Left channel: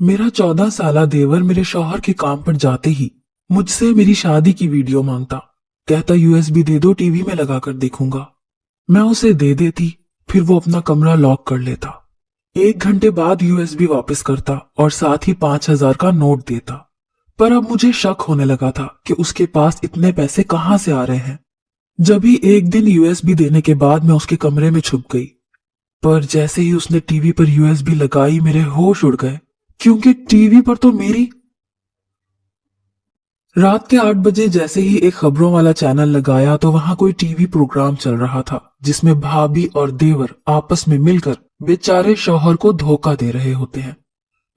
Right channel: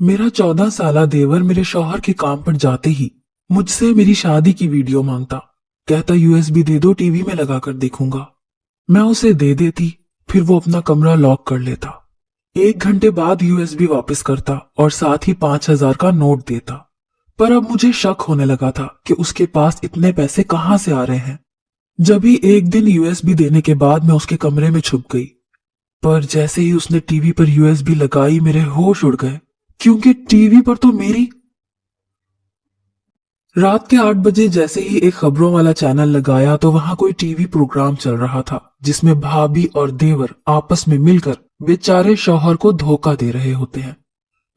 मेरा 14 साला देवर मेरे शौहर के काम पर जाते ही मुझसे मेरी शादी की वीडियो मांगता। कहता यूएसबी दे दो, टीवी में लगाकर देखूंगा। मैं उसे दे देती, फिर वो अपना कमरा लॉक कर लेता। 1 घंटे बाद यूएसबी वापस करता और साथ ही 5,000 का नोट देता। पर अब मुझे शक होने लगा था कि उसके पास इतने पैसे कहाँ से आ रहे हैं। जब ही एक दिन यूएसबी देने के बाद मैं उसके कमरे में छुप गई, पर जैसे ही उसने टीवी पर यूएसबी लगाई मेरे होश उड़ गए, क्योंकि टीवी पर तो मेरी रात के 8 बजे जैसे ही एक खबरों वाला चैनल लगाया तो वहां कोई टीवी प्रोग्राम चल रहा था जिसमें भाभी और देवर आपस में मिलकर बेचारे शौहर को धोखा दे रहे होते हैं।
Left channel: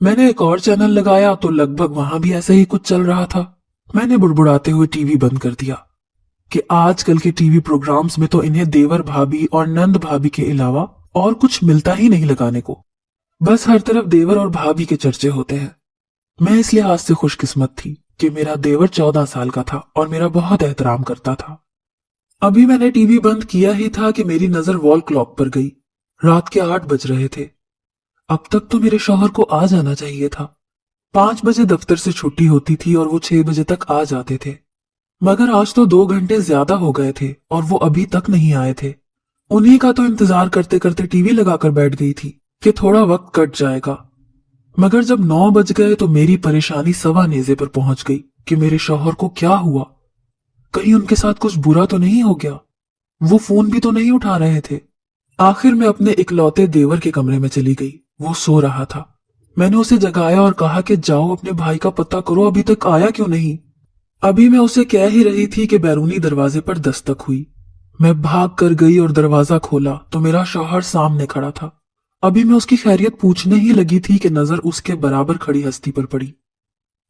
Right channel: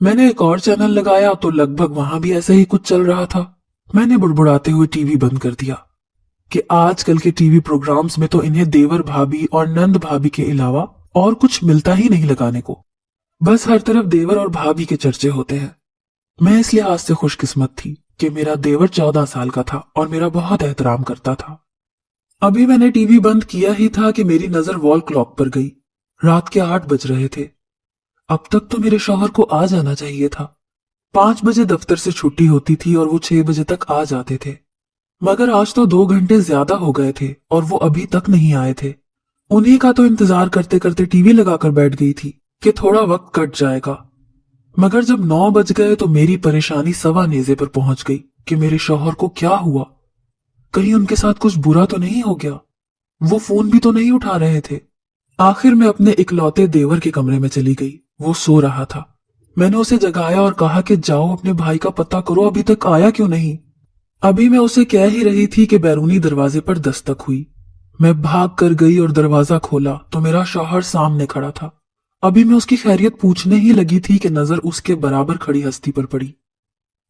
मैंने एक और चैनल लगाया तो लगभग वहां भी ऐसा ही कुछ चल रहा था। मैंने बुड़बुड़ाते हुए टीवी बंद कर दिया कि आजकल के टीवी प्रोग्राम्स में तो इन्हें देवर भाभी और नंद भाभी के अलावा और कुछ मिलता ही नहीं लगाने को। बस हर तरफ देवर और भाभी के चर्चे होते हैं। मैं इस लिहाज से खुशकिस्मत थी कि मेरा देवर 14 साल का था और मेरा बहुत एहतराम करता था। अभी मैंने टीवी बंद किया ही था कि मेरी नजर वॉल क्लॉक पर गई। रात के 8 बज रहे थे। अब तक तो मेरे शौहर को आ जाना चाहिए था। 5 बजे दफ्तर से छुट्टी होती थी और वो 6 बजे तक आ जाते थे, मगर आज तो 2 घंटे ज्यादा हो गए थे और वो अभी तक नहीं आए थे। उन्हीं का तो इंतजार करते करते टीवी लगाकर बैठ गई थी कि थोड़ा वक्त कट जाएगा। मगर जब 9 बज गए तो मेरी परेशानी सवा नेजे पर पहुंच गई कि मेरे शौहर को क्या हुआ। कहीं उनके साथ कुछ बुरा तो नहीं हो गया। वो फोन भी तो नहीं उठा रहे थे। आखिर मैं अपने इकलौते देवर के कमरे में चली गई। वो सो रहा था। मैंने उसे जगाया और कहा कि जाओ अपने भाई का पता करो, अभी तक आया क्यों नहीं। अभी मैं उसे कह ही रही थी कि बैरूनी दरवाजे पर दस्तक हुई। मैं भाग कर गई और दरवाजा खोला तो मेरा शौहर सामने खड़ा था। अभी मैं उसकी खैरियत पूछने ही लगी थी कि नजर उसके बराबर खड़ी हस्ती पर पड़ी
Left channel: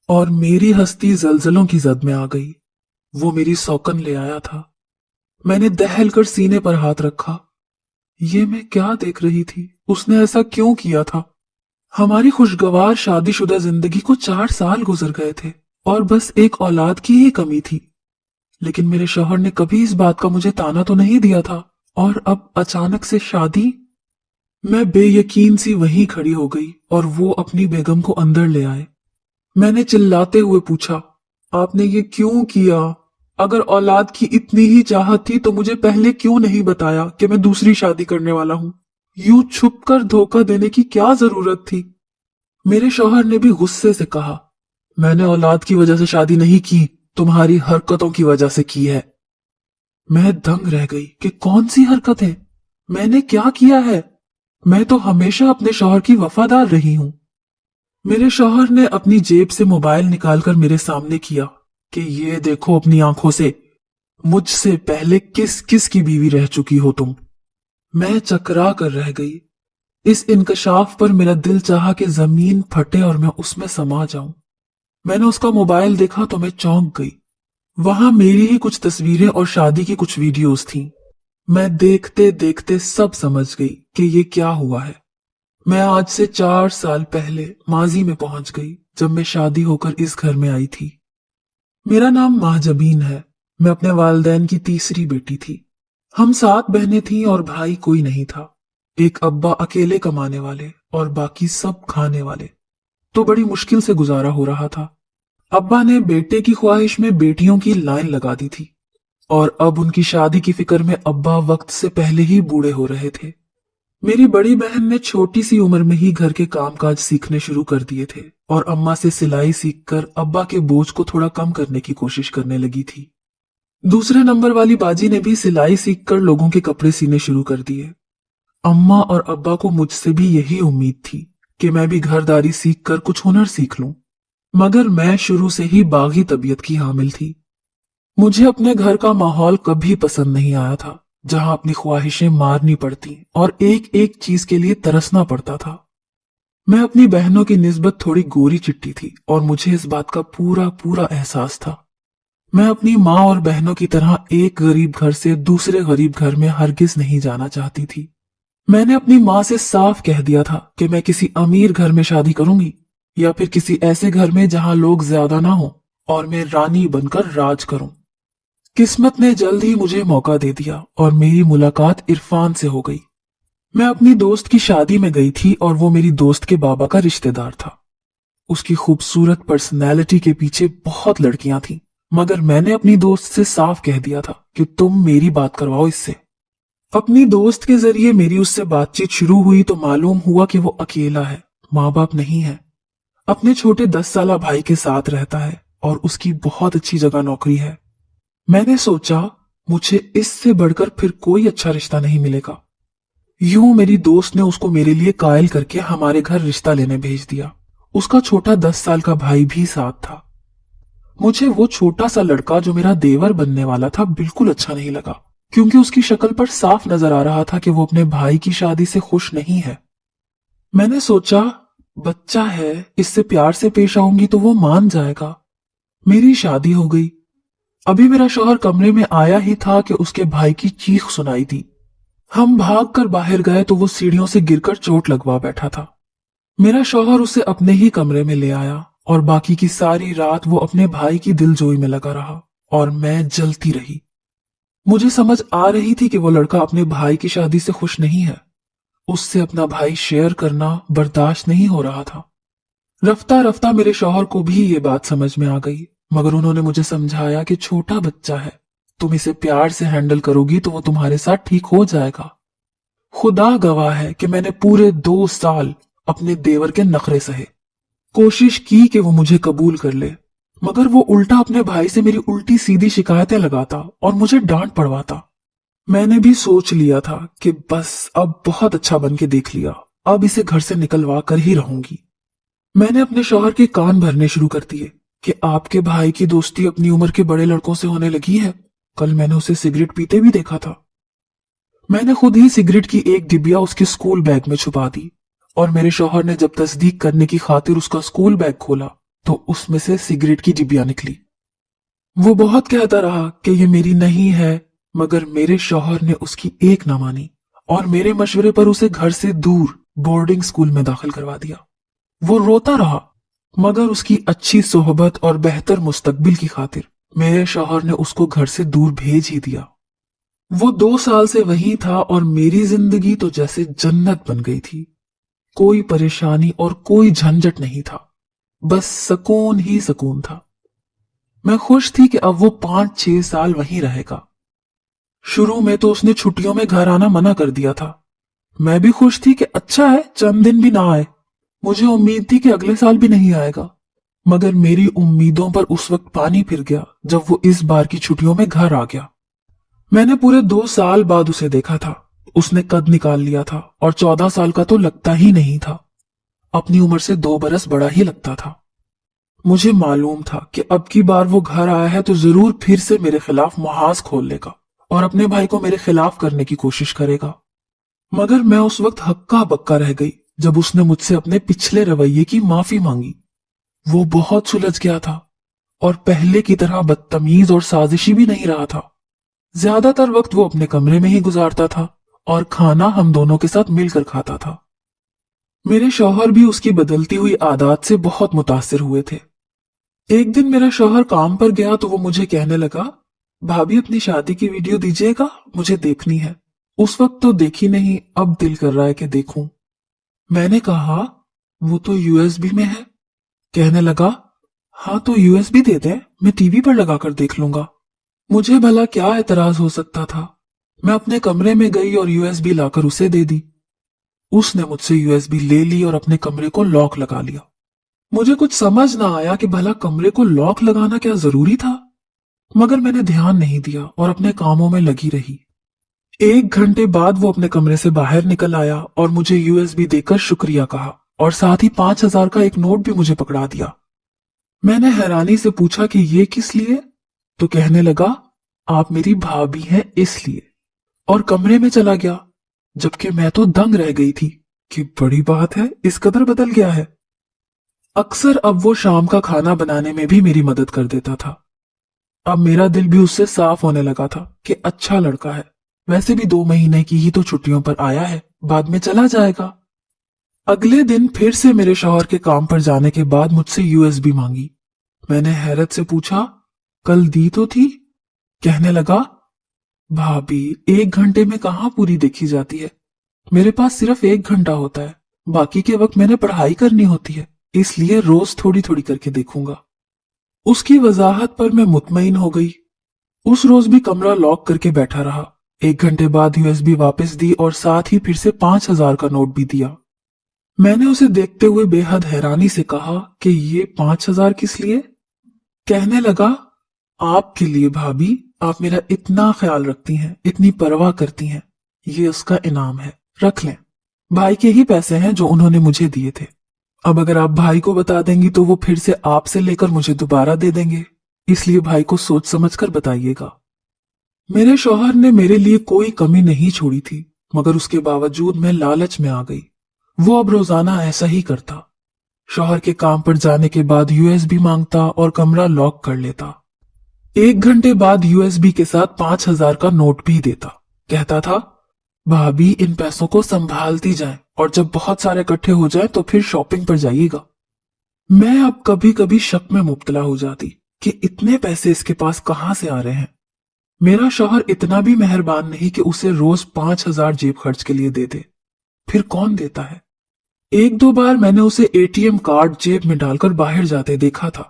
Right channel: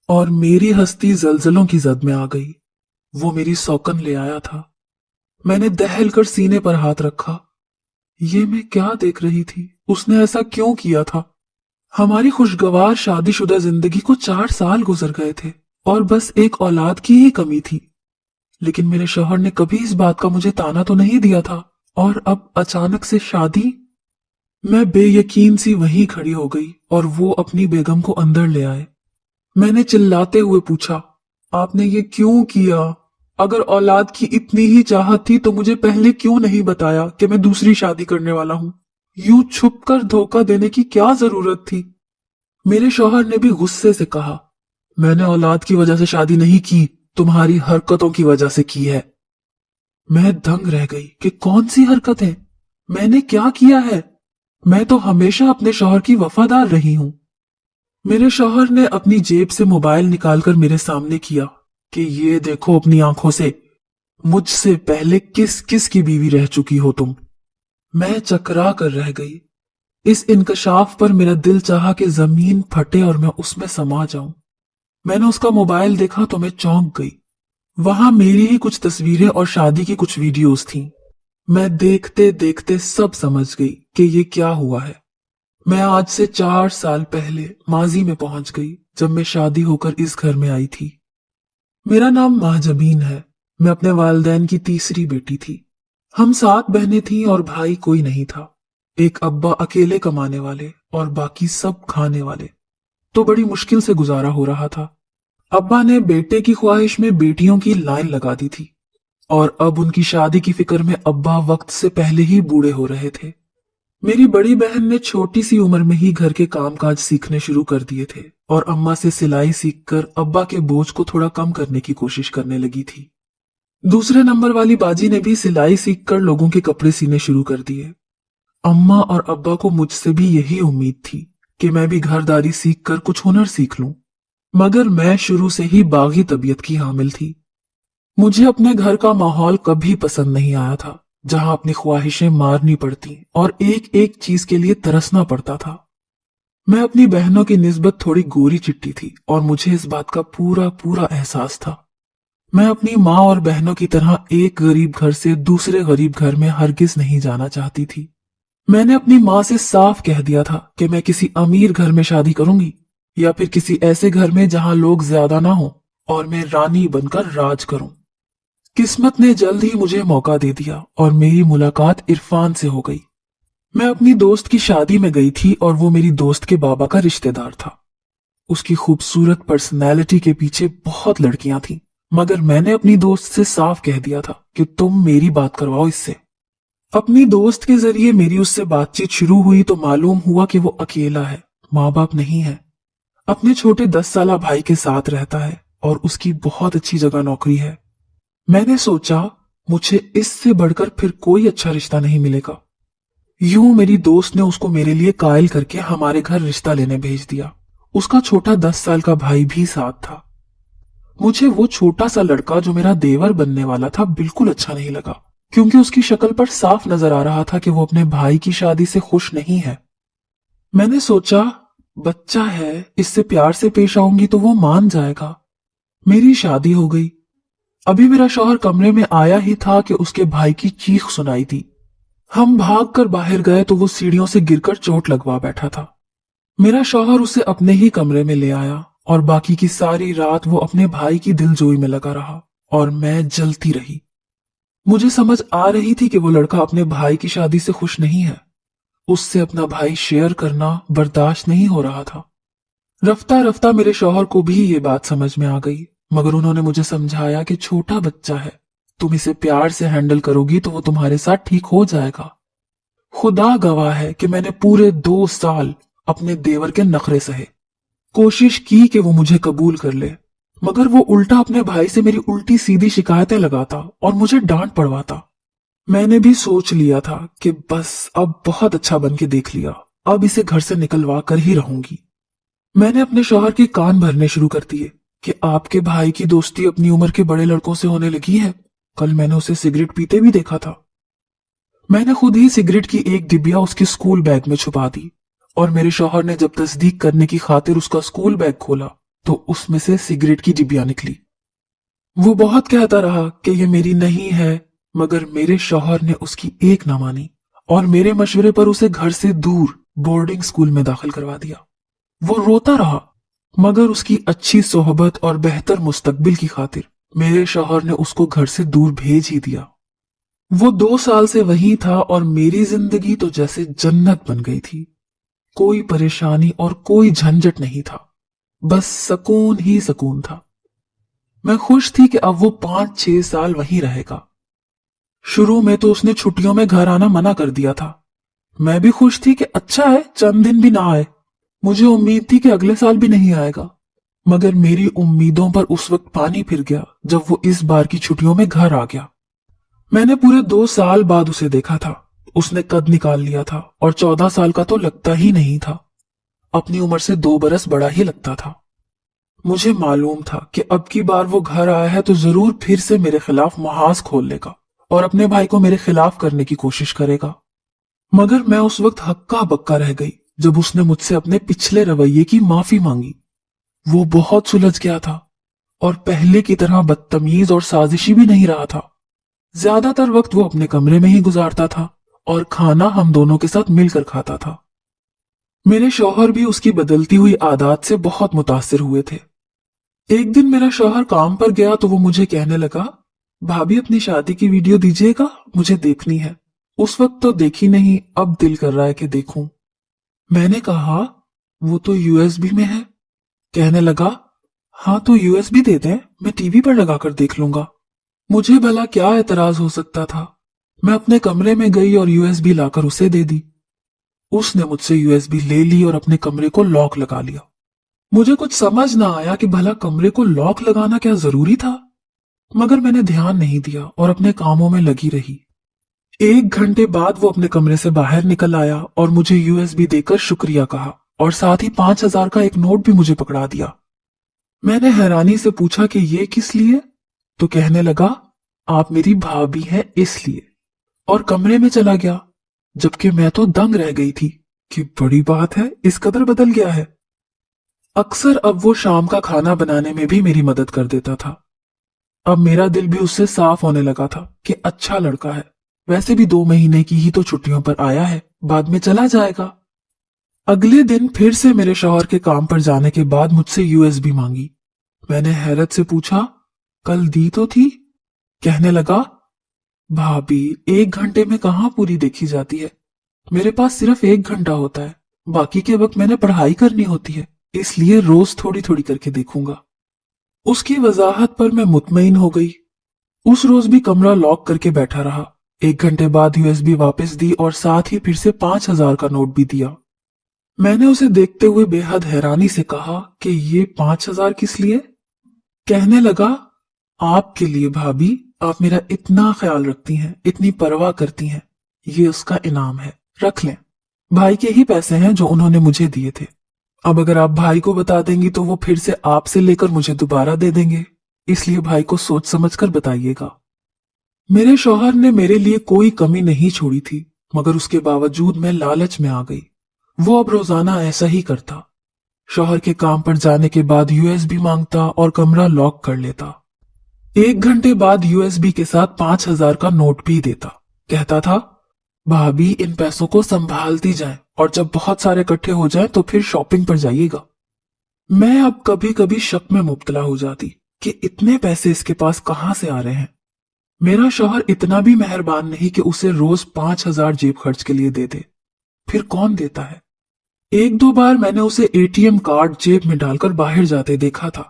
और मेरी हस्ती जलजलों की जद में आ गई। वो मेरी सौकन ले आया था। मैंने दहल कर सीने पर हाथ रखा। ये मैं क्या देख रही थी? उसने ऐसा क्यों किया था? हमारी खुशगवार शादीशुदा जिंदगी को 4 साल गुजर गए थे और बस एक औलाद की ही कमी थी। लेकिन मेरे शौहर ने कभी इस बात का मुझे ताना तो नहीं दिया था, और अब अचानक से शादी। मैं बेयकीन सी वहीं खड़ी हो गई और वो अपनी बेगम को अंदर ले आए। मैंने चिल्लाते हुए पूछा, आपने ये क्यों किया? अगर औलाद की इतनी ही चाहत थी तो मुझे पहले क्यों नहीं बताया कि मैं दूसरी शादी करने वाला हूं? यूं छुपकर धोखा देने की क्या जरूरत थी? मेरे शौहर ने भी गुस्से से कहा, मैंने औलाद की वजह से शादी नहीं की, तुम्हारी हरकतों की वजह से की है। मैं दंग रह गई कि कौन सी हरकतें? मैंने क्या किया है? मैं तो हमेशा अपने शौहर की वफादार रही हूं। मेरे शौहर ने अपनी जेब से मोबाइल निकालकर मेरे सामने किया कि ये देखो अपनी आंखों से, मुझसे पहले किस किस की बीवी रह चुकी हो तुम। मैं चकरा कर रह गई। इस इंकशाफ पर मेरा दिल चाहा कि जमीन फटे और मैं उसमें समा जाऊं। मैंने उसका मोबाइल देखा तो मैं चौंक गई। वहां मेरी ही कुछ तस्वीरें और शादी की कुछ वीडियोस थीं। मैं देखते देखते सब समझ गई कि ये क्या हुआ है। मैं आज से 4 साल पहले माजी में पहुंच गई, जब मैं शादी होकर इस घर में आई थी। मेरा नाम महजबीन है। मैं अपने वालिदैन की तीसरी बेटी थी। हम 7 बहनें थीं और भाई कोई नहीं था। एक अब्बा अकेले कमाने वाले और बाकी सब खाने वाले। तो बड़ी मुश्किल से गुजारा हो रहा था। अब्बा ने बेटे की ख्वाहिश में बेटियों की लाइन लगा दी थी और अब उनकी शादी की फिक्र में अब्बा वक्त से पहले ही बूढ़े हो रहे थे। मेरी बड़ी बहन ने छोटी सी उम्र में ही घर के कामकाज सीखने शुरू कर दिए थे और अम्मा से सिलाई सीखकर अब्बा के बोझ को थोड़ा कम करने की कोशिश करने लगी थी। दूसरे नंबर वाली बाजी ने भी सिलाई सीखकर लोगों के कपड़े सीने शुरू कर दिए। अम्मा और अब्बा को मुझसे भी यही उम्मीद थी कि मैं भी घरदारी सीखकर कुछ हुनर सीख लूं, मगर मैं शुरू से ही बागी तबीयत की हामिल थी। मुझे अपने घर का माहौल कभी पसंद नहीं आया था, जहां अपनी ख्वाहिशें मारनी पड़ती और एक एक चीज के लिए तरसना पड़ता था। मैं अपनी बहनों की निस्बत थोड़ी गोरी चिट्टी थी और मुझे इस बात का पूरा पूरा एहसास था। मैं अपनी माँ और बहनों की तरह एक गरीब घर से दूसरे गरीब घर में हरगिज नहीं जाना चाहती थी। मैंने अपनी माँ से साफ कह दिया था कि मैं किसी अमीर घर में शादी करूंगी या फिर किसी ऐसे घर में जहां लोग ज्यादा ना हो और मैं रानी बनकर राज करूं। किस्मत ने जल्द ही मुझे मौका दे दिया और मेरी मुलाकात इरफान से हो गई। मैं अपनी दोस्त की शादी में गई थी और वो मेरी दोस्त के बाबा का रिश्तेदार था। उसकी खूबसूरत पर्सनैलिटी के पीछे बहुत लड़कियां थीं, मगर मैंने अपनी दोस्त से साफ कह दिया था कि तुम मेरी बात करवाओ इससे। अपनी दोस्त के जरिए मेरी उससे बातचीत शुरू हुई तो मालूम हुआ कि वो अकेला है, माँ बाप नहीं है, अपने छोटे 10 साला भाई के साथ रहता है और उसकी बहुत अच्छी जगह नौकरी है। मैंने सोचा मुझे इससे बढ़कर फिर कोई अच्छा रिश्ता नहीं मिलेगा। यूं मेरी दोस्त ने उसको मेरे लिए कायल करके हमारे घर रिश्ता लेने भेज दिया। उसका छोटा 10 साल का भाई भी साथ था। मुझे वो छोटा सा लड़का जो मेरा देवर बनने वाला था बिल्कुल अच्छा नहीं लगा, क्योंकि उसकी शक्ल पर साफ नजर आ रहा था कि वो अपने भाई की शादी से खुश नहीं है। मैंने सोचा बच्चा है, इससे प्यार से पेश आऊंगी तो वो मान जाएगा। मेरी शादी हो गई। अभी मेरा शौहर कमरे में आया ही था कि उसके भाई की चीख सुनाई दी। हम भागकर बाहर गए तो वो सीढ़ियों से गिरकर चोट लगवा बैठा था। मेरा शौहर उसे अपने ही कमरे में ले आया और बाकी की सारी रात वो अपने भाई की दिलजोई में लगा रहा और मैं जलती रही। मुझे समझ आ रही थी कि वो लड़का अपने भाई की शादी से खुश नहीं है। उससे अपना भाई शेयर करना बर्दाश्त नहीं हो रहा था। रफ्ता रफ्ता मेरे शौहर को भी ये बात समझ में आ गई, मगर उन्होंने मुझे समझाया कि छोटा बच्चा है, तुम इसे प्यार से हैंडल करोगी तो वो तुम्हारे साथ ठीक हो जाएगा। खुदा गवाह है कि मैंने पूरे 2 साल अपने देवर के नखरे सहे। कोशिश की कि वो मुझे कबूल कर ले, मगर वो उल्टा अपने भाई से मेरी उल्टी सीधी शिकायतें लगाता और मुझे डांट पड़वाता। मैंने भी सोच लिया था कि बस अब बहुत अच्छा बन के देख लिया, अब इसे घर से निकलवा कर ही रहूंगी। मैंने अपने शौहर के कान भरने शुरू कर दिए कि आपके भाई की दोस्ती अपनी उम्र के बड़े लड़कों से होने लगी है। कल मैंने उसे सिगरेट पीते भी देखा था। मैंने खुद ही सिगरेट की एक डिबिया उसके स्कूल बैग में छुपा दी और मेरे शौहर ने जब तस्दीक करने की खातिर उसका स्कूल बैग खोला तो उसमें से सिगरेट की डिबिया निकली। वो बहुत कहता रहा कि ये मेरी नहीं है, मगर मेरे शौहर ने उसकी एक ना मानी और मेरे मशवरे पर उसे घर से दूर बोर्डिंग स्कूल में दाखिल करवा दिया। वो रोता रहा, मगर उसकी अच्छी सोहबत और बेहतर मुस्तकबिल की खातिर मेरे शौहर ने उसको घर से दूर भेज ही दिया। वो 2 साल से वहीं था और मेरी जिंदगी तो जैसे जन्नत बन गई थी। कोई परेशानी और कोई झंझट नहीं था, बस सुकून ही सुकून था। मैं खुश थी कि अब वो 5-6 साल वहीं रहेगा। शुरू में तो उसने छुट्टियों में घर आना मना कर दिया था। मैं भी खुश थी कि अच्छा है चंद दिन भी ना आए। मुझे उम्मीद थी कि अगले साल भी नहीं आएगा, मगर मेरी उम्मीदों पर उस वक्त पानी फिर गया जब वो इस बार की छुट्टियों में घर आ गया। मैंने पूरे 2 साल बाद उसे देखा था। उसने कद निकाल लिया था और 14 साल का तो लगता ही नहीं था। अपनी उम्र से 2 बरस बड़ा ही लगता था। मुझे मालूम था कि अब की बार वो घर आया है तो जरूर फिर से मेरे खिलाफ महाज खोल लेगा और अपने भाई को मेरे खिलाफ करने की कोशिश करेगा। मगर मैं उस वक्त हक्का बक्का रह गई जब उसने मुझसे अपने पिछले रवैये की माफी मांगी। वो बहुत सुलझ गया था और पहले की तरह बदतमीज और साजिशी भी नहीं रहा था। ज्यादातर वक्त वो अपने कमरे में ही गुजारता था और खाना हम दोनों के साथ मिलकर खाता था। मेरे शौहर भी उसकी बदलती हुई आदत से बहुत मुतासिर हुए थे। एक दिन मेरा शौहर काम पर गया तो वो मुझे कहने लगा, भाभी अपनी शादी की वीडियो दीजिएगा, मुझे देखनी है। उस वक्त तो देखी नहीं, अब दिल कर रहा है कि देखूं। मैंने कहा वो तो यूएसबी में है। कहने लगा, हाँ तो यूएसबी दे दें, मैं टीवी पर लगाकर देख लूंगा। मुझे भला क्या एतराज हो सकता था। मैं अपने कमरे में गई और यूएसबी लाकर उसे दे दी। उसने मुझसे यूएसबी ले ली और अपने कमरे को लॉक लगा लिया। मुझे कुछ समझ ना आया कि भला कमरे को लॉक लगाना क्या जरूरी था, मगर मैंने ध्यान नहीं दिया और अपने कामों में लगी रही। 1 घंटे बाद वो अपने कमरे से बाहर निकल आया और मुझे यूएसबी देकर शुक्रिया कहा और साथ ही 5,000 का एक नोट भी मुझे पकड़ा दिया। मैंने हैरानी से पूछा कि ये किस लिए, तो कहने लगा, आप मेरी भाभी हैं इसलिए, और कमरे में चला गया। जबकि मैं तो दंग रह गई थी कि बड़ी बात है, इस कदर बदल गया है। अक्सर अब वो शाम का खाना बनाने में भी मेरी मदद कर देता था। अब मेरा दिल भी उससे साफ होने लगा था कि अच्छा लड़का है, वैसे भी 2 महीने की ही तो छुट्टियों पर आया है, बाद में चला जाएगा। अगले दिन फिर से मेरे शौहर के काम पर जाने के बाद मुझसे यूएसबी मांगी। मैंने हैरत से पूछा, कल दी तो थी। कहने लगा, भाभी 1 घंटे में कहाँ पूरी देखी जाती है, मेरे पास सिर्फ 1 घंटा होता है, बाकी के वक्त मैंने पढ़ाई करनी होती है, इसलिए रोज थोड़ी थोड़ी करके देखूंगा। उसकी वजाहत पर मैं मुतमईन हो गई। उस रोज भी कमरा लॉक करके बैठा रहा। 1 घंटे बाद यूएसबी वापस दी और साथ ही फिर से 5,000 का नोट भी दिया। मैंने उसे देखते हुए बेहद हैरानी से कहा कि ये 5,000 किस लिए? कहने लगा, आपके लिए भाभी, आप मेरा इतना ख्याल रखती हैं, इतनी परवाह करती हैं, ये उसका इनाम है, रख लें। भाई के ही पैसे हैं जो उन्होंने मुझे दिए थे। अब अगर आप भाई को बता देंगी तो वो फिर से आपसे लेकर मुझे दोबारा दे देंगे, इसलिए भाई को सोच समझकर बताइएगा। मेरे शौहर ने मेरे लिए कोई कमी नहीं छोड़ी थी, मगर उसके बावजूद मैं लालच में आ गई। वो अब रोजाना ऐसा ही करता। शौहर के काम पर जाने के बाद यूएसबी मांगता और कमरा लॉक कर लेता। 1 घंटे बाद यूएसबी के साथ 5,000 का नोट भी देता। कहता था, भाभी इन पैसों को संभालती जाएं और जब बहुत सारे इकट्ठे हो जाएं तो फिर शॉपिंग पर जाइएगा। मैं अब कभी कभी शक में मुब्तला हो जाती कि इतने पैसे इसके पास कहां से आ रहे हैं। मेरा शौहर इतना भी मेहरबान नहीं कि उसे रोज 5,000 जेब खर्च के लिए दे दे। फिर कौन देता है? 1-2 बार मैंने उसे एटीएम कार्ड जेब में डालकर बाहर जाते देखा था।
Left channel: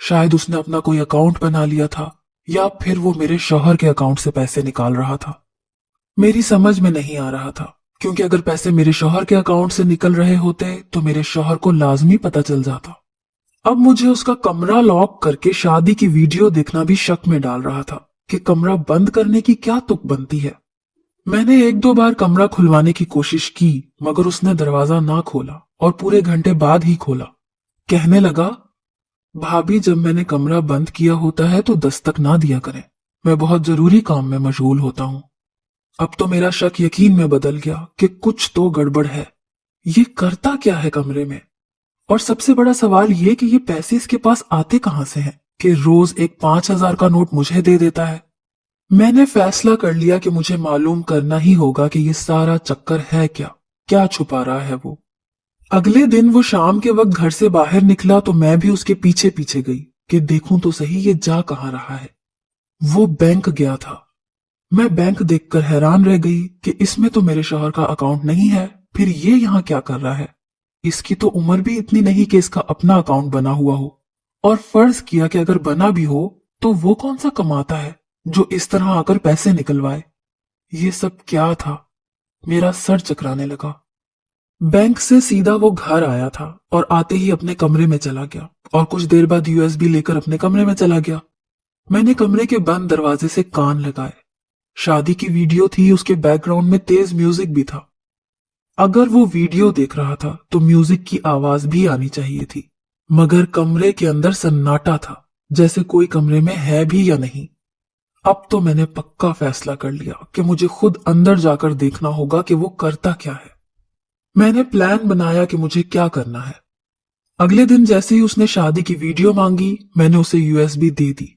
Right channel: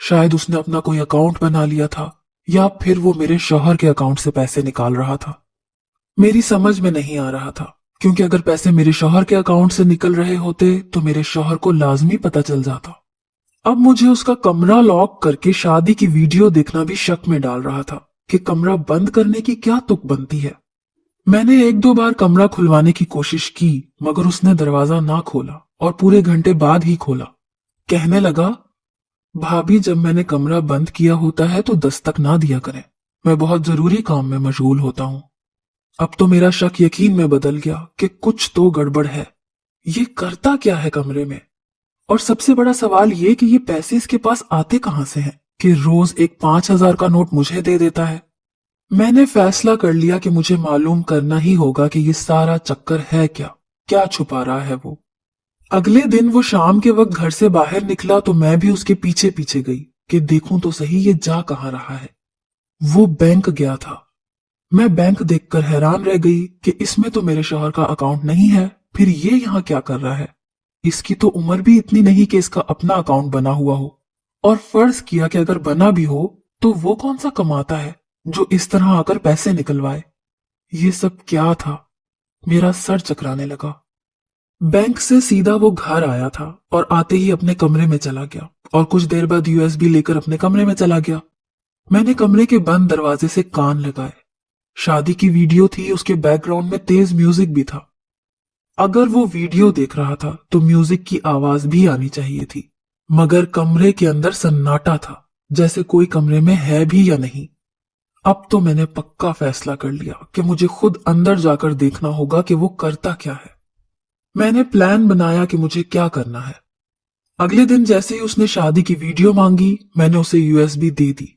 शायद उसने अपना कोई अकाउंट बना लिया था या फिर वो मेरे शौहर के अकाउंट से पैसे निकाल रहा था। मेरी समझ में नहीं आ रहा था, क्योंकि अगर पैसे मेरे शौहर के अकाउंट से निकल रहे होते तो मेरे शौहर को लाजमी पता चल जाता। अब मुझे उसका कमरा लॉक करके शादी की वीडियो देखना भी शक में डाल रहा था कि कमरा बंद करने की क्या तुक बनती है। मैंने 1-2 बार कमरा खुलवाने की कोशिश की, मगर उसने दरवाजा ना खोला और पूरे घंटे बाद ही खोला। कहने लगा, भाभी जब मैंने कमरा बंद किया होता है तो दस्तक ना दिया करें, मैं बहुत जरूरी काम में मशगूल होता हूं। अब तो मेरा शक यकीन में बदल गया कि कुछ तो गड़बड़ है। ये करता क्या है कमरे में? और सबसे बड़ा सवाल ये कि ये पैसे इसके पास आते कहां से हैं कि रोज एक 5,000 का नोट मुझे दे देता है। मैंने फैसला कर लिया कि मुझे मालूम करना ही होगा कि ये सारा चक्कर है क्या, क्या छुपा रहा है वो। अगले दिन वो शाम के वक्त घर से बाहर निकला तो मैं भी उसके पीछे पीछे गई कि देखूं तो सही ये जा कहां रहा है। वो बैंक गया था। मैं बैंक देखकर हैरान रह गई कि इसमें तो मेरे शौहर का अकाउंट नहीं है, फिर ये यहाँ क्या कर रहा है? इसकी तो उम्र भी इतनी नहीं कि इसका अपना अकाउंट बना हुआ हो। और फर्ज किया कि अगर बना भी हो तो वो कौन सा कमाता है जो इस तरह आकर पैसे निकलवाए? ये सब क्या था? मेरा सर चकराने लगा। बैंक से सीधा वो घर आया था और आते ही अपने कमरे में चला गया और कुछ देर बाद यूएसबी लेकर अपने कमरे में चला गया। मैंने कमरे के बंद दरवाजे से कान लगाए। शादी की वीडियो थी, उसके बैकग्राउंड में तेज म्यूजिक भी था। अगर वो वीडियो देख रहा था तो म्यूजिक की आवाज भी आनी चाहिए थी, मगर कमरे के अंदर सन्नाटा था, जैसे कोई कमरे में है भी या नहीं। अब तो मैंने पक्का फैसला कर लिया कि मुझे खुद अंदर जाकर देखना होगा कि वो करता क्या है। मैंने प्लान बनाया कि मुझे क्या करना है। अगले दिन जैसे ही उसने शादी की वीडियो मांगी, मैंने उसे यूएसबी दे दी।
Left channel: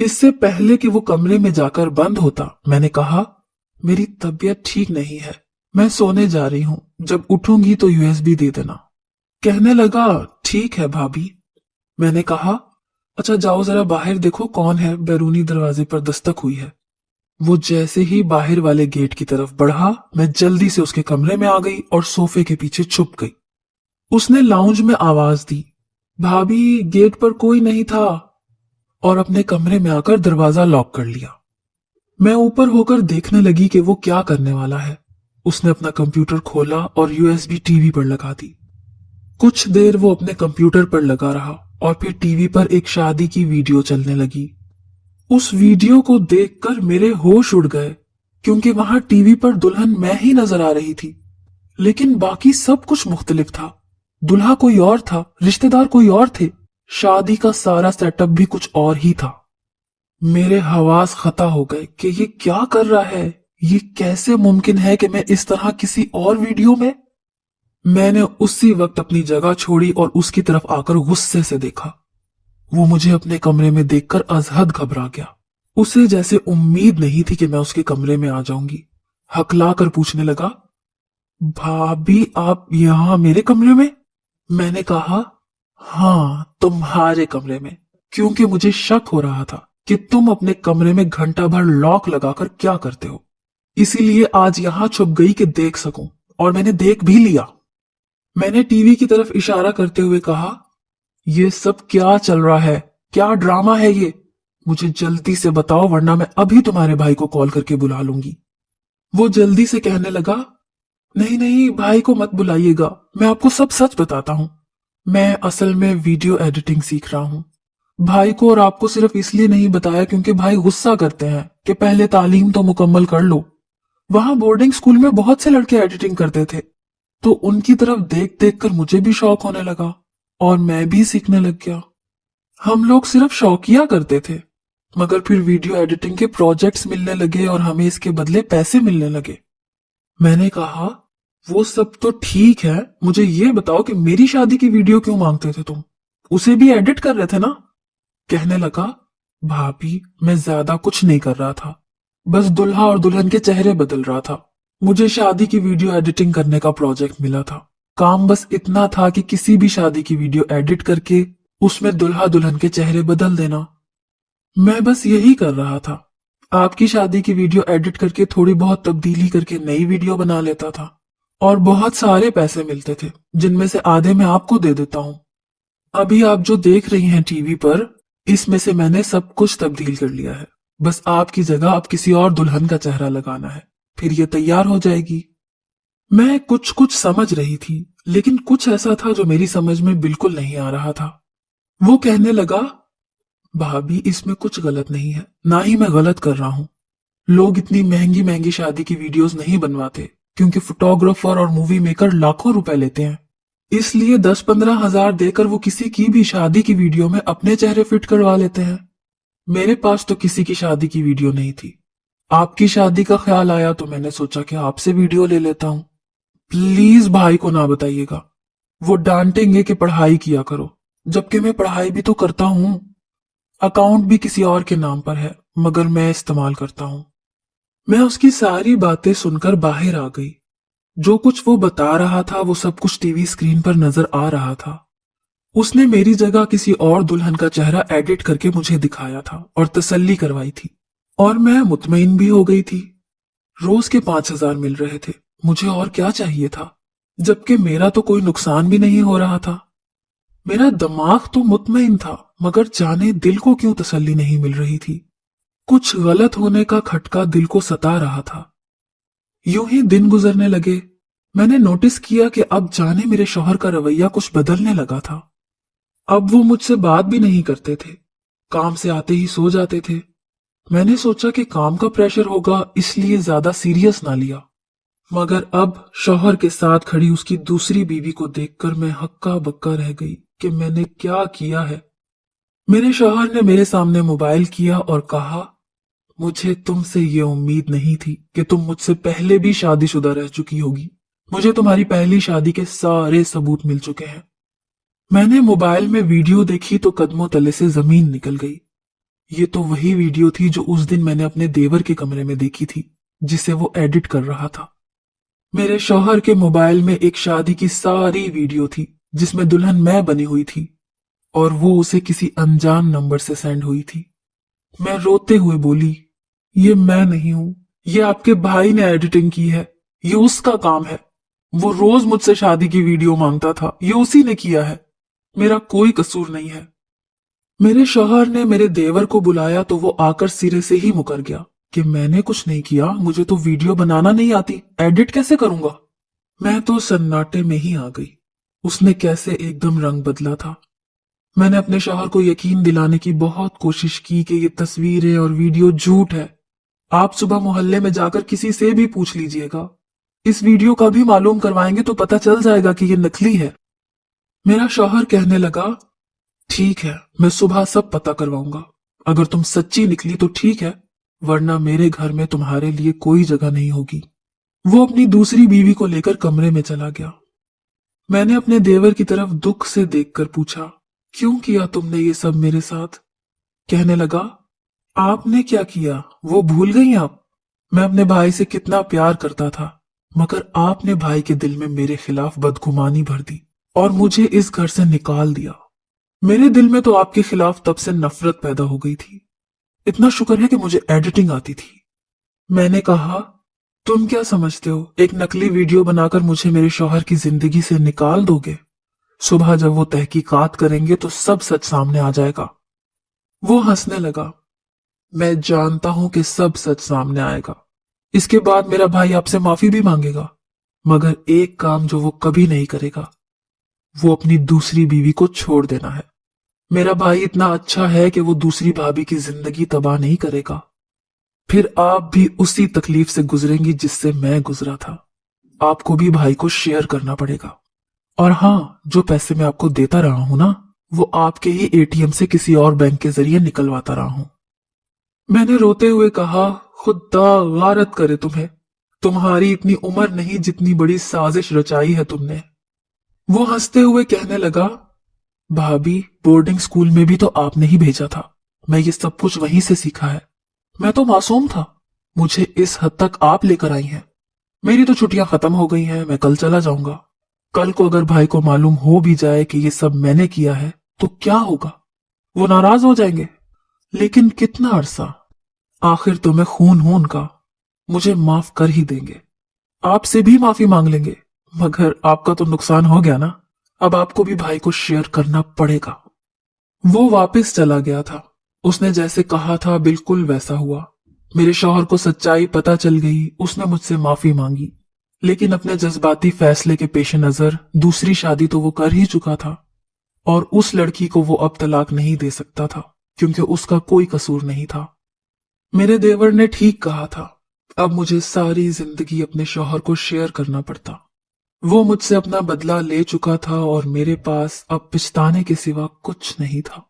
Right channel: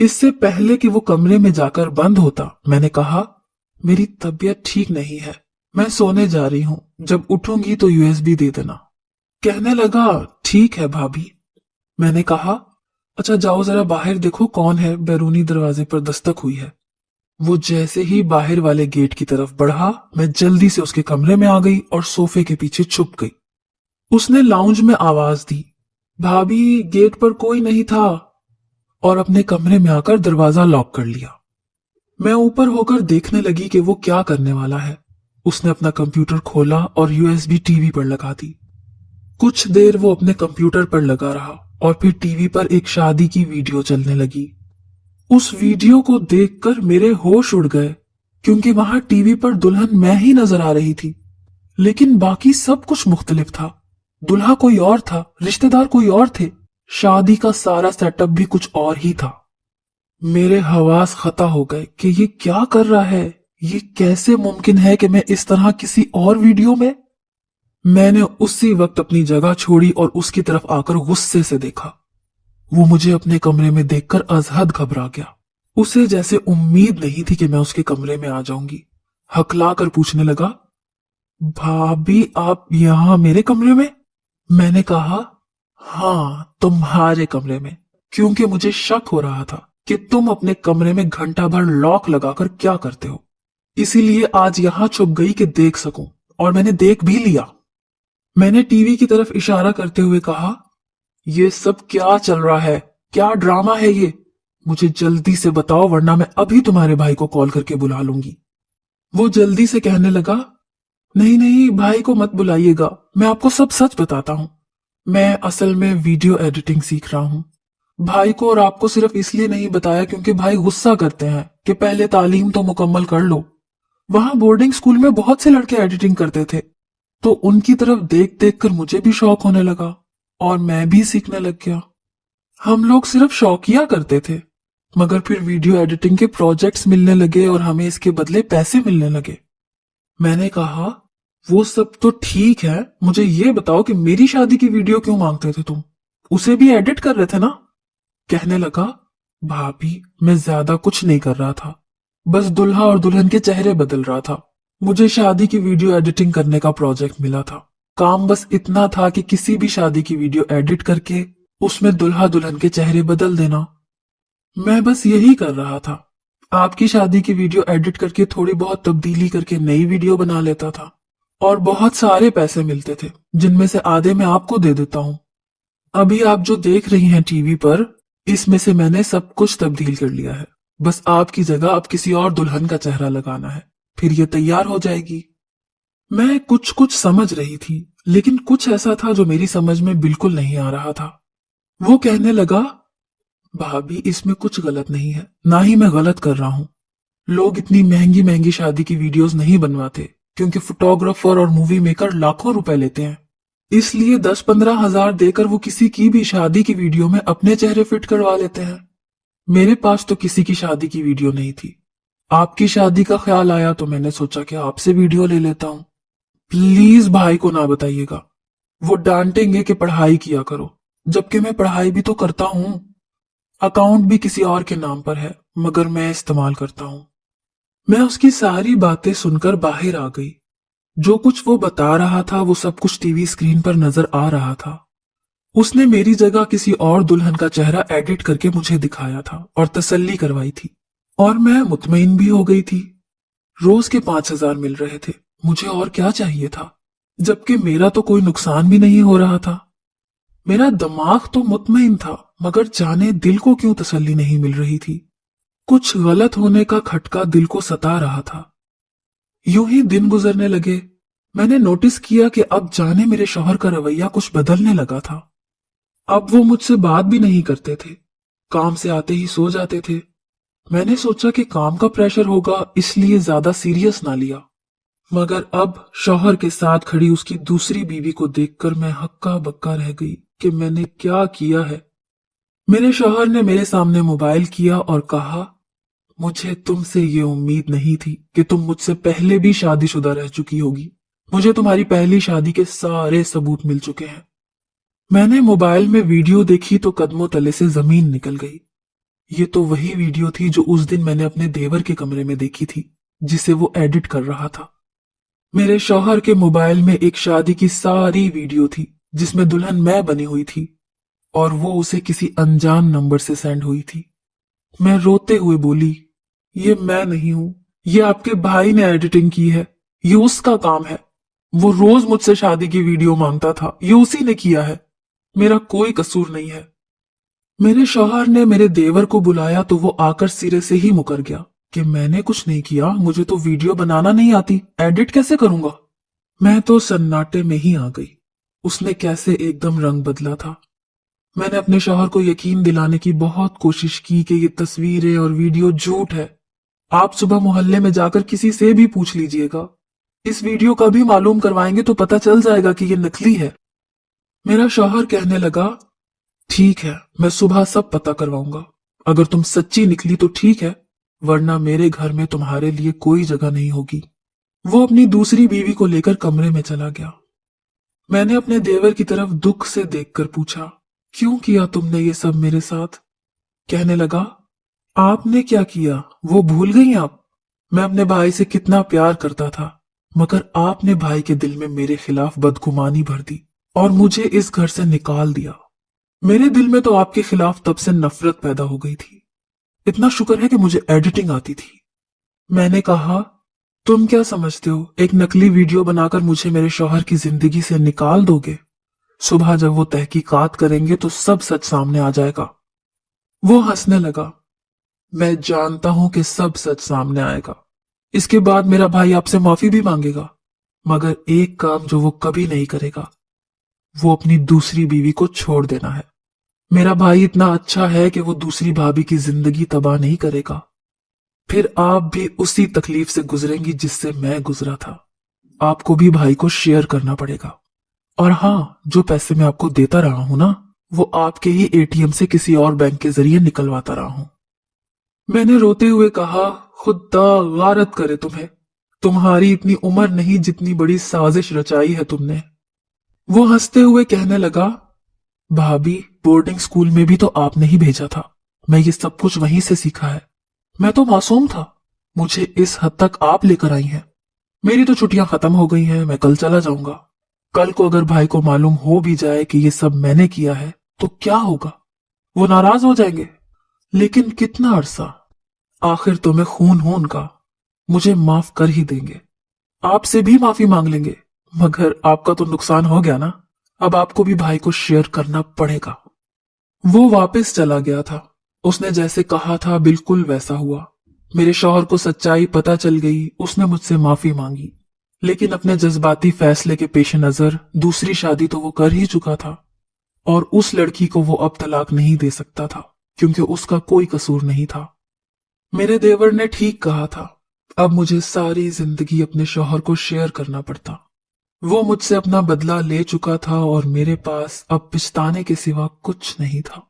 इससे पहले कि वो कमरे में जाकर बंद होता, मैंने कहा, मेरी तबीयत ठीक नहीं है, मैं सोने जा रही हूं, जब उठूंगी तो यूएसबी दे देना। कहने लगा, ठीक है भाभी। मैंने कहा, अच्छा जाओ जरा बाहर देखो कौन है, बैरूनी दरवाजे पर दस्तक हुई है। वो जैसे ही बाहर वाले गेट की तरफ बढ़ा, मैं जल्दी से उसके कमरे में आ गई और सोफे के पीछे छुप गई। उसने लाउंज में आवाज दी, भाभी गेट पर कोई नहीं था, और अपने कमरे में आकर दरवाजा लॉक कर लिया। मैं ऊपर होकर देखने लगी कि वो क्या करने वाला है। उसने अपना कंप्यूटर खोला और यूएसबी टीवी पर लगा दी। कुछ देर वो अपने कंप्यूटर पर लगा रहा और फिर टीवी पर एक शादी की वीडियो चलने लगी। उस वीडियो को देखकर मेरे होश उड़ गए, क्योंकि वहां टीवी पर दुल्हन मैं ही नजर आ रही थी, लेकिन बाकी सब कुछ मुख्तलिफ था। दुल्हा कोई और था, रिश्तेदार कोई और थे, शादी का सारा सेटअप भी कुछ और ही था। मेरे हवास खता हो गए कि ये क्या कर रहा है, ये कैसे मुमकिन है कि मैं इस तरह किसी और वीडियो में। मैंने उसी वक्त अपनी जगह छोड़ी और उसकी तरफ आकर गुस्से से देखा। वो मुझे अपने कमरे में देखकर अजहद घबरा गया। उसे जैसे उम्मीद नहीं थी कि मैं उसके कमरे में आ जाऊंगी। हकला कर पूछने लगा, भाभी आप यहां मेरे कमरे में? मैंने कहा, हाँ तुम्हारे कमरे में, क्योंकि मुझे शक हो रहा था कि तुम अपने कमरे में घंटा भर लॉक लगाकर क्या करते हो। इसीलिए आज यहां छुप गई कि देख सकूं, और मैंने देख भी लिया। मैंने टीवी की तरफ इशारा करते हुए कहा, ये सब क्या चल रहा है? क्या ड्रामा है ये? मुझे जल्दी से बताओ वरना मैं अभी तुम्हारे भाई को कॉल करके बुला लूंगी। वो जल्दी से कहने लगा, नहीं नहीं भाई को मत बुलाइएगा, मैं आपको सब सच बताता हूँ। मैं असल में वीडियो एडिटिंग सीख रहा हूँ। भाई को और आपको सिर्फ इसलिए नहीं बताया क्योंकि भाई गुस्सा करते हैं कि पहले तालीम तो मुकम्मल कर लो। वहां बोर्डिंग स्कूल में बहुत से लड़के एडिटिंग करते थे, तो उनकी तरफ देख देख कर मुझे भी शौक होने लगा और मैं भी सीखने लग गया। हम लोग सिर्फ शौकिया करते थे, मगर फिर वीडियो एडिटिंग के प्रोजेक्ट्स मिलने लगे और हमें इसके बदले पैसे मिलने लगे। मैंने कहा, वो सब तो ठीक है, मुझे ये बताओ कि मेरी शादी की वीडियो क्यों मांगते थे तुम? उसे भी एडिट कर रहे थे ना? कहने लगा, भाभी मैं ज्यादा कुछ नहीं कर रहा था, बस दुल्हा और दुल्हन के चेहरे बदल रहा था। मुझे शादी की वीडियो एडिटिंग करने का प्रोजेक्ट मिला था। काम बस इतना था कि किसी भी शादी की वीडियो एडिट करके उसमें दुल्हा दुल्हन के चेहरे बदल देना। मैं बस यही कर रहा था। आपकी शादी की वीडियो एडिट करके थोड़ी बहुत तब्दीली करके नई वीडियो बना लेता था और बहुत सारे पैसे मिलते थे, जिनमें से आधे मैं आपको दे देता हूँ। अभी आप जो देख रही हैं टीवी पर, इसमें से मैंने सब कुछ तब्दील कर लिया है। बस आपकी जगह अब किसी और दुल्हन का चेहरा लगाना है, फिर ये तैयार हो जाएगी। मैं कुछ कुछ समझ रही थी, लेकिन कुछ ऐसा था जो मेरी समझ में बिल्कुल नहीं आ रहा था। वो कहने लगा, भाभी इसमें कुछ गलत नहीं है, ना ही मैं गलत कर रहा हूँ। लोग इतनी महंगी महंगी शादी की वीडियोस नहीं बनवाते, क्योंकि फोटोग्राफर और मूवी मेकर लाखों रुपए लेते हैं। इसलिए 10-15 हजार देकर वो किसी की भी शादी की वीडियो में अपने चेहरे फिट करवा लेते हैं। मेरे पास तो किसी की शादी की वीडियो नहीं थी। आपकी शादी का ख्याल आया तो मैंने सोचा कि आपसे वीडियो ले लेता हूँ। प्लीज भाई को ना बताइएगा, वो डांटेंगे कि पढ़ाई किया करो, जबकि मैं पढ़ाई भी तो करता हूँ। अकाउंट भी किसी और के नाम पर है, मगर मैं इस्तेमाल करता हूँ। मैं उसकी सारी बातें सुनकर बाहर आ गई। जो कुछ वो बता रहा था वो सब कुछ टीवी स्क्रीन पर नजर आ रहा था। उसने मेरी जगह किसी और दुल्हन का चेहरा एडिट करके मुझे दिखाया था और तसल्ली करवाई थी, और मैं मुतमईन भी हो गई थी। रोज के 5,000 मिल रहे थे, मुझे और क्या चाहिए था, जबकि मेरा तो कोई नुकसान भी नहीं हो रहा था। मेरा दिमाग तो मुतमईन था, मगर जाने दिल को क्यों तसल्ली नहीं मिल रही थी। कुछ गलत होने का खटका दिल को सता रहा था। यूं ही दिन गुजरने लगे। मैंने नोटिस किया कि अब जाने मेरे शौहर का रवैया कुछ बदलने लगा था। अब वो मुझसे बात भी नहीं करते थे, काम से आते ही सो जाते थे। मैंने सोचा कि काम का प्रेशर होगा, इसलिए ज्यादा सीरियस ना लिया। मगर अब शौहर के साथ खड़ी उसकी दूसरी बीवी को देखकर मैं हक्का बक्का रह गई कि मैंने क्या किया है। मेरे शौहर ने मेरे सामने मोबाइल किया और कहा, मुझे तुमसे ये उम्मीद नहीं थी कि तुम मुझसे पहले भी शादीशुदा रह चुकी होगी। मुझे तुम्हारी पहली शादी के सारे सबूत मिल चुके हैं। मैंने मोबाइल में वीडियो देखी तो कदमों तले से जमीन निकल गई। ये तो वही वीडियो थी जो उस दिन मैंने अपने देवर के कमरे में देखी थी, जिसे वो एडिट कर रहा था। मेरे शौहर के मोबाइल में एक शादी की सारी वीडियो थी, जिसमें दुल्हन मैं बनी हुई थी, और वो उसे किसी अनजान नंबर से सेंड हुई थी। मैं रोते हुए बोली, ये मैं नहीं हूं, ये आपके भाई ने एडिटिंग की है, ये उसका काम है। वो रोज मुझसे शादी की वीडियो मांगता था, ये उसी ने किया है, मेरा कोई कसूर नहीं है। मेरे शौहर ने मेरे देवर को बुलाया तो वो आकर सिरे से ही मुकर गया कि मैंने कुछ नहीं किया, मुझे तो वीडियो बनाना नहीं आती, एडिट कैसे करूंगा। मैं तो सन्नाटे में ही आ गई। उसने कैसे एकदम रंग बदला था। मैंने अपने शौहर को यकीन दिलाने की बहुत कोशिश की कि ये तस्वीरें और वीडियो झूठ है। आप सुबह मोहल्ले में जाकर किसी से भी पूछ लीजिएगा, इस वीडियो का भी मालूम करवाएंगे तो पता चल जाएगा कि ये नकली है। मेरा शौहर कहने लगा, ठीक है, मैं सुबह सब पता करवाऊंगा। अगर तुम सच्ची निकली तो ठीक है, वरना मेरे घर में तुम्हारे लिए कोई जगह नहीं होगी। वो अपनी दूसरी बीवी को लेकर कमरे में चला गया। मैंने अपने देवर की तरफ दुख से देखकर पूछा, क्यों किया तुमने ये सब मेरे साथ? कहने लगा, आपने क्या किया वो भूल गई आप? मैं अपने भाई से कितना प्यार करता था, मगर आपने भाई के दिल में मेरे खिलाफ बदगुमानी भर दी और मुझे इस घर से निकाल दिया। मेरे दिल में तो आपके खिलाफ तब से नफरत पैदा हो गई थी। इतना शुक्र है कि मुझे एडिटिंग आती थी। मैंने कहा, तुम क्या समझते हो, एक नकली वीडियो बनाकर मुझे मेरे शौहर की जिंदगी से निकाल दोगे? सुबह जब वो तहकीकात करेंगे तो सब सच सामने आ जाएगा। वो हंसने लगा। मैं जानता हूं कि सब सच सामने आएगा। इसके बाद मेरा भाई आपसे माफी भी मांगेगा, मगर एक काम जो वो कभी नहीं करेगा, वो अपनी दूसरी बीवी को छोड़ देना है। मेरा भाई इतना अच्छा है कि वो दूसरी भाभी की जिंदगी तबाह नहीं करेगा। फिर आप भी उसी तकलीफ से गुजरेंगी जिससे मैं गुजरा था। आपको भी भाई को शेयर करना पड़ेगा। और हाँ, जो पैसे मैं आपको देता रहा हूं ना, वो आपके ही एटीएम से किसी और बैंक के जरिए निकलवाता रहा हूं। मैंने रोते हुए कहा, खुदा गारत करे तुम्हें। तुम्हारी इतनी उम्र नहीं जितनी बड़ी साजिश रचाई है तुमने। वो हंसते हुए कहने लगा, भाभी, बोर्डिंग स्कूल में भी तो आपने ही भेजा था। मैं ये सब कुछ वहीं से सीखा है। मैं तो मासूम था, मुझे इस हद तक आप लेकर आई हैं। मेरी तो छुट्टियां खत्म हो गई हैं, मैं कल चला जाऊंगा। कल को अगर भाई को मालूम हो भी जाए कि ये सब मैंने किया है तो क्या होगा? वो नाराज हो जाएंगे। लेकिन कितना अरसा? आखिर तो मैं खून हूं उनका, मुझे माफ कर ही देंगे। आपसे भी माफी मांग लेंगे, मगर आपका तो नुकसान हो गया ना। अब आपको भी भाई को शेयर करना पड़ेगा। वो वापस चला गया था। उसने जैसे कहा था बिल्कुल वैसा हुआ। मेरे शौहर को सच्चाई पता चल गई। उसने मुझसे माफी मांगी, लेकिन अपने जज्बाती फैसले के पेश नजर दूसरी शादी तो वो कर ही चुका था, और उस लड़की को वो अब तलाक नहीं दे सकता था, क्योंकि उसका कोई कसूर नहीं था। मेरे देवर ने ठीक कहा था। अब मुझे सारी जिंदगी अपने शौहर को शेयर करना पड़ता। वो मुझसे अपना बदला ले चुका था और मेरे पास अब पछताने के सिवा कुछ नहीं था।